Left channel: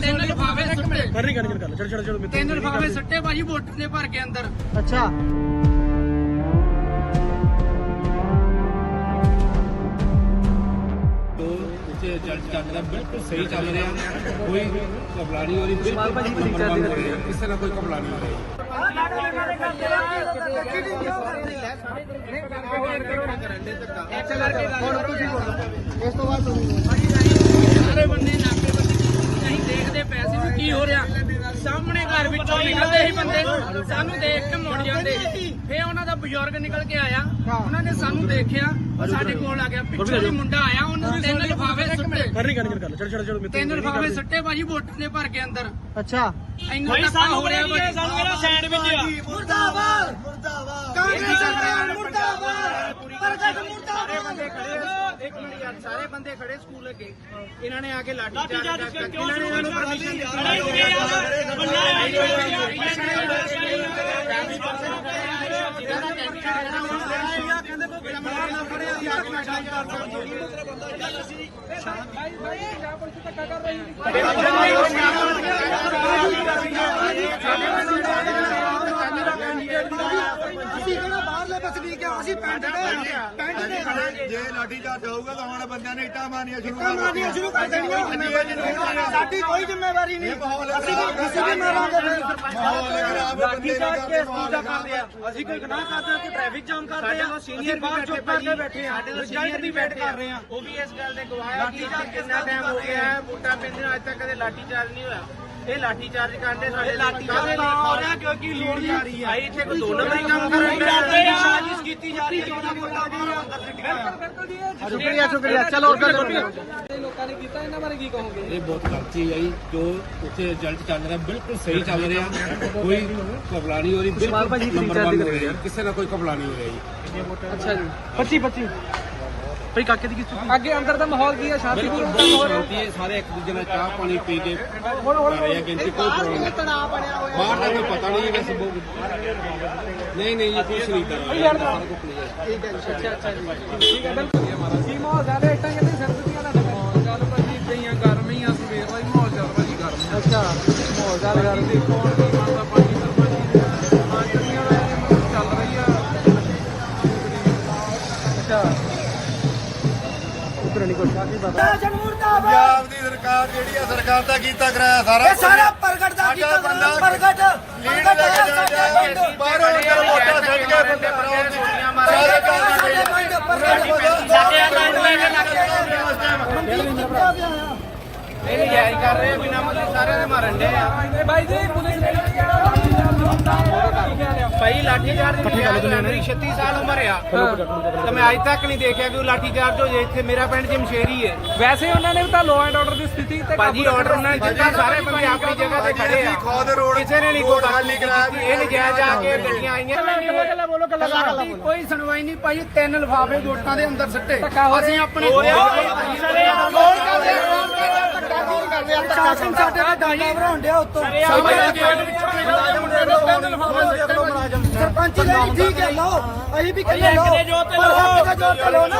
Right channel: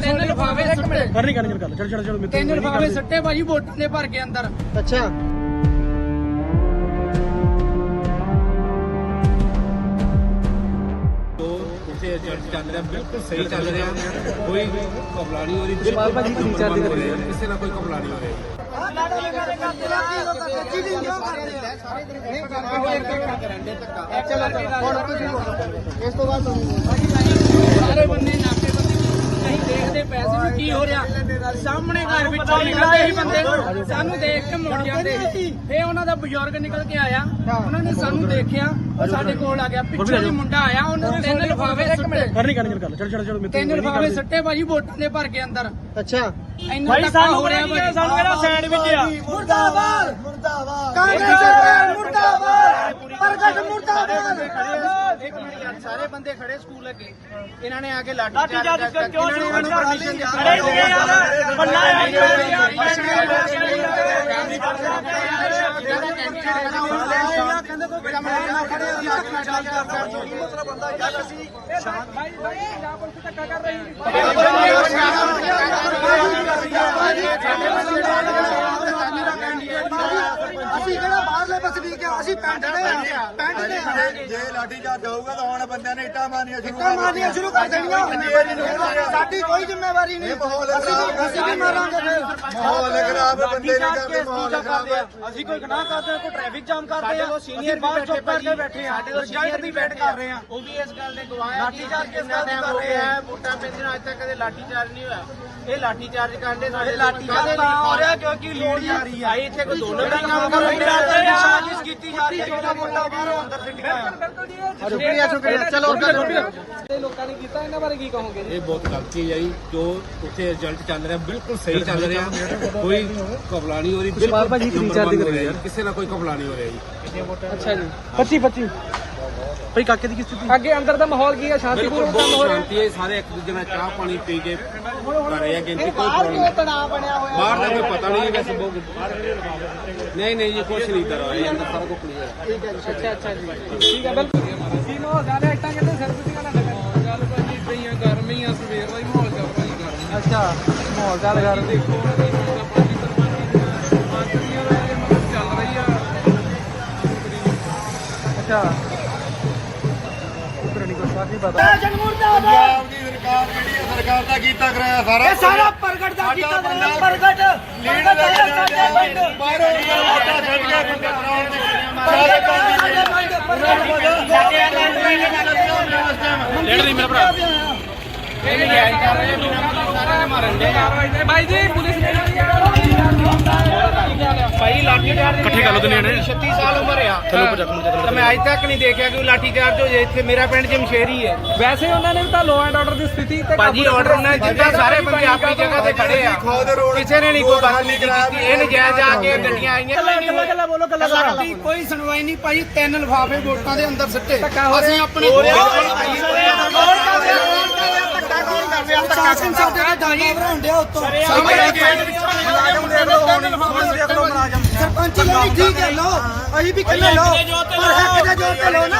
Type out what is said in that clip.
ਤਿੰਨ ਲਿਫਾਫੇ ਸੁੱਟੇ ਤਿੰਨ ਲਿਫਾਫੇ ਸੁੱਟੇ ਭਾਜੀ ਵੋਟਾਂ ਦੇ ਭਰ ਕੇ ਅੰਦਰ। ਅੱਛਾ रिजल्ट चल रहा बिल्कुल सही चल रहा है, कोई घबरा नहीं हो रही, बिल्कुल नंबर 1 हो रही है, किसी ना कोई घबरा नहीं हो रही। ਸਾਰੇ ਬੰਦੇ ਨਾਕੇਬੰਦੀ ਅਸੀਂ ਦੇਖਦੇ ਪੈਸੇ ਵੀ ਕੀ ਹੋ ਰਿਹਾ, ਸਾਹਮਣੇ ਘਰ ਵਿੱਚੋਂ ਨਿਕਲਦੇ ਸੀ ਬੰਦੇ, ਸਾਨੂੰ ਦੇਖ ਕੇ ਮੁੜ ਜਾਂਦੇ ਸੀ। ਫੇਰ ਉਹਨਾਂ ਦਾ ਬਜ਼ੁਰਗ ਨਿਕਲ ਕੇ ਆਇਆ, ਉਹਨਾਂ ਨੇ ਸਾਨੂੰ ਦੇਖਿਆ, ਉਹ ਸਾਡੇ ਕੋਲ ਆ ਗਿਆ, ਪਿੱਛੋਂ ਦੀ ਮੁੰਡਾ ਆਇਆ, ਉਹਨੇ ਤਿੰਨ ਲਿਫਾਫੇ ਸੁੱਟੇ ਤਿੰਨ ਲਿਫਾਫੇ ਸੁੱਟੇ ਭਾਜੀ ਵੋਟਾਂ ਦੇ ਭਰ ਕੇ ਅੰਦਰ। ਅੱਛਾ ਇੰਨਾ ਧੱਕਾ ਹੋ ਰਿਹਾ ਭਾਜੀ। ਸਾਨੂੰ ਕਿਹੜਾ ਸੈਂਡਵਿਚ ਆ ਮੁਰਦਾਬਾਦ ਮੁਰਦਾਬਾਦ ਕਾਂਗਰਸ ਸਰਕਾਰ ਮੁਰਦਾਬਾਦ ਪ੍ਰਗਟ ਮੁਰਦਾਬਾਦ। ਇੱਕ ਮਿੰਟ ਯਾਰ, ਸਾਰੇ ਬੰਦੇ ਖੜੇ ਸਕੂਲ ਅੱਗੇ, ਇਹਨਾਂ ਨੇ ਆ ਕੇ ਲਾਠੀ ਚਾਰਜ ਕਰਤਾ, ਇਹਨਾਂ ਨੇ ਇਹਨਾਂ ਨੂੰ ਪਰਮਿਸ਼ਨ ਅਸੀਂ ਕਿਹੜਾ ਬਾਹਰਲੇ ਬਸਨੀਕ ਆ, ਅਸੀਂ ਪਿੰਡ ਦੇ ਜੇ ਲਾਠੀ ਚਾਰਜ ਹੋਊਗਾ ਤਾਂ ਹੁਣ ਬੰਦਿਆਂ ਨੇ ਇੱਟਾਂ ਮਾਰਨੀਆਂ ਸ਼ੁਰੂ ਕਰ ਦੇਣੀਆਂ। ਸਾਡੀ ਕੋਈ ਜ਼ਿੰਮੇਵਾਰੀ ਨਹੀਂ, ਅਸੀਂ ਵੀ ਮਾਰਾਂਗੇ। ਮਾਹੌਲ ਖਰਾਬ ਬੰਦੇ ਨਹੀਂ ਕਰਦੇ, ਮਾਹੌਲ ਖਰਾਬ। ਅਸੀਂ ਕੋਈ ਗੁਨਾਹ ਕਰਦੇ ਹਾਂ, ਕੋਈ ਟ੍ਰੈਫਿਕ ਜਾਮ ਕਰਦੇ ਹਾਂ, ਅਸੀਂ ਬਾਹਰ ਚੁੱਪ ਕਰਕੇ ਬੈਠੇ ਹਾਂ, ਰਿਜ਼ਲਟ ਦੀ ਵੇਟ ਕਰ ਰਹੇ ਹਾਂ। ਉਹ ਵੀ ਇਸ ਗੱਲ ਦੇ ਗਵਾਹ ਹੈ ਕਿ ਕਿੰਨਾ ਟਾਈਮ ਹੋ ਗਿਆ ਹੈ ਵੋਟਾਂ ਪੈਂਦੀਆਂ, ਅੱਜ ਤੱਕ ਕਦੇ ਲਾਠੀ ਚਾਰਜ ਨਹੀਂ ਹੋਇਆ। ਇਹ ਲਾਠੀ ਚਾਰਜ ਕਰਦੇ ਸਾਡੇ ਲਾਠੀ ਚਾਰਜ ਤਾਂ ਹੋ ਰਿਹਾ ਕਿਉਂਕਿ ਲੋੜ ਜਾ ਰਹੀ ਹੈ। ਇੱਥੇ ਕੋਈ ਦੋ ਨੰਬਰੀ ਕੰਮ ਸਾਜ਼ਿਸ਼ ਕੀਤੀ ਜਾ ਰਹੀ ਹੈ, ਜਿਹੜਾ ਮੁੰਡਾ ਬਾਹਰੋਂ ਅੰਦਰ ਫਿੱਟ ਗਿਆ। ਸ਼ੁਕਰੀਆ ਚਲੋ ਲੋਕਾਂ ਨੇ ਕੀਤਾ, ਇਹਨਾਂ ਬਾਰੇ ਕੀ ਕਹੋਗੇ? ਇਹ ਬਹੁਤ ਗਲਤ ਚੀਜ਼ ਹੈ ਜੀ, ਜੋ ਉੱਥੇ ਰਿਜ਼ਲਟ ਚੱਲ ਰਿਹਾ ਬਿਲਕੁਲ ਸਹੀ ਚੱਲ ਰਿਹਾ, ਕੋਈ ਘਬਰਾ ਨਹੀਂ ਹੋ ਰਹੀ, ਬਿਲਕੁਲ ਨੰਬਰ 1 ਹੋ ਰਿਹਾ ਜੀ, ਕਿਸੇ ਦਾ ਕੋਈ ਘਬਰਾ ਨਹੀਂ ਹੋ ਰਿਹਾ ਜੀ। ਅੱਛਾ ਜੀ, 25 ਕੋਈ ਕਾਕੇ ਦੀ ਕਿਸ ਅੱਗੇ ਅੰਦਰ ਦਾ ਮਾਹੌਲ ਕੀ ਹੈ? ਸ਼ਾਂਤੀ ਬਿਲਕੁਲ ਬਹੁਤ ਸ਼ਾਂਤੀ ਹੈ, ਸਾਰੇ ਇੱਕ ਦੂਜੇ ਨਾਲ ਚਾਹ ਪਾਣੀ ਪੀ ਕੇ ਕਰ ਰਹੇ ਆ ਗਿਣਤੀ, ਕੋਈ ਪ੍ਰੋਬਲਮ ਨਹੀਂ। ਬਾਹਰ ਦਾ ਕੋਈ ਪਤਾ ਨਹੀਂ ਵੈਸੇ ਬਹੁਤ ਨਹੀਂ ਜੀ, ਕੁਛ ਨਹੀਂ ਕਰ ਰਿਹਾ, ਸਾਰਾ ਕੁਝ ਕਲੀਅਰ ਹੈ। ਠੀਕ ਹੈ, ਬਿਲਕੁਲ ਜੀ। ਮਾਹੌਲ ਚੱਲ ਰਿਹਾ, ਇੱਦਾਂ ਕਹਿੰਦੇ ਸਰਦੀਆਂ ਦਾ ਚੱਲ ਭਾਜੀ ਪਈਆਂ ਗਰਮੀ ਆ, ਸਵੇਰ ਦਾ ਹੀ ਮਾਹੌਲ ਚੱਲ ਭਾਜੀ ਗਰਮ। ਅੱਛਾ ਮਾਹੌਲ ਚੱਲ ਰਿਹਾ, ਦੇਖੋ ਪੰਜ ਸਰਪੰਚੀਆਂ ਦਾ ਮਤਲਬ ਚੱਲ ਰਹੀ ਆ। ਪੰਜਾਬ ਦੀ ਸਰਕਾਰ ਜਿਹੜੀ ਆ, ਸਰਕਾਰ ਦਾ ਕੀਤਾ ਕਰਾਇਆ ਸਾਰਾ, ਸਾਰਾ ਪ੍ਰਗਟ ਦਾ ਕੀਤਾ ਪ੍ਰਗਟ ਲੀਡ ਲੈ ਕੇ ਜਾਣਾ, ਬਾਹਰੋਂ ਵੋਟਾਂ ਛੱਡ ਕੇ ਬੰਦੇ ਕਰਾਉਣ ਦੀ ਸਾਰੇ ਇਹ ਜਾਇਜ਼ ਕਰ ਰਹੇ ਬਿਨਾ ਮਤਲਬ ਸਾਰਿਆਂ ਦੇ ਮਾਰਨ ਦੇ ਆ ਭਾਈ ਜੀ। ਪੁਲਿਸ ਭਾਈ ਲਾਠੀ ਚਾਰਜ ਇਕੱਠੇ ਕਰ ਲੋ ਨੇ 36 ਸਾਲ ਉਮਰ ਆ, ਤਾਂ ਮੈਂ ਅੱਜ ਤੱਕ ਨਹੀਂ ਦੇਖਿਆ ਕਿ ਲਾਠੀ ਚਾਰਜ ਹੋ ਜਾਏ। ਇੱਥੇ ਮੇਰਾ ਪਿੰਡ ਜਮਸ਼ੇਰੀ ਹੈ। ਵੈਸੇ ਉਹਨਾਂ ਨੇ ਵੀ ਤਾਂ ਲਾਅ ਐਂਡ ਆਰਡਰ ਦੀ ਸਥਿਤੀ ਤੇ ਭਾਜੀ ਆਰਡਰ ਉਹਨਾਂ ਨੇ ਦਿੱਤਾ, ਸਾਰੇ ਬੰਦੇ ਆਪਣੀ ਜਗ੍ਹਾ ਤੇ ਖੜੇ ਆ, ਕਿਸੇ ਨੇ ਨਹੀਂ ਕੋਈ ਗੱਲ ਨਹੀਂ ਕੀਤੀ। ਇਹ ਨਜਾਇਜ਼ ਆ ਕੇ ਗੱਡੀਆਂ ਆਈਆਂ, ਸਾਡੀ ਕੋਈ ਸੁਣਵਾਈ ਨਹੀਂ ਭਾਈ। ਤਿੰਨ ਲਿਫਾਫੇ ਵੋਟਾਂ ਦੇ ਅੰਦਰ ਸਿੱਟੇ, ਅਸੀਂ ਆਪਣੇ ਸ਼ਾਸਨ ਸਾਡੇ ਦਾ ਡਾਂਗਾ ਭਰਾਉਣ ਡਿਆ ਉੱਤੋਂ। ਸਰਪੰਚ ਨੇ ਨਹੀਂ ਠੀਕ ਹੈ, ਲਓ ਅਸੀਂ ਵੀ ਕਹਿੰਦੇ ਲਓ, ਪਰ ਹੱਕ ਦਾ ਜੋਰ ਤੇ ਲਓ ਨਾ।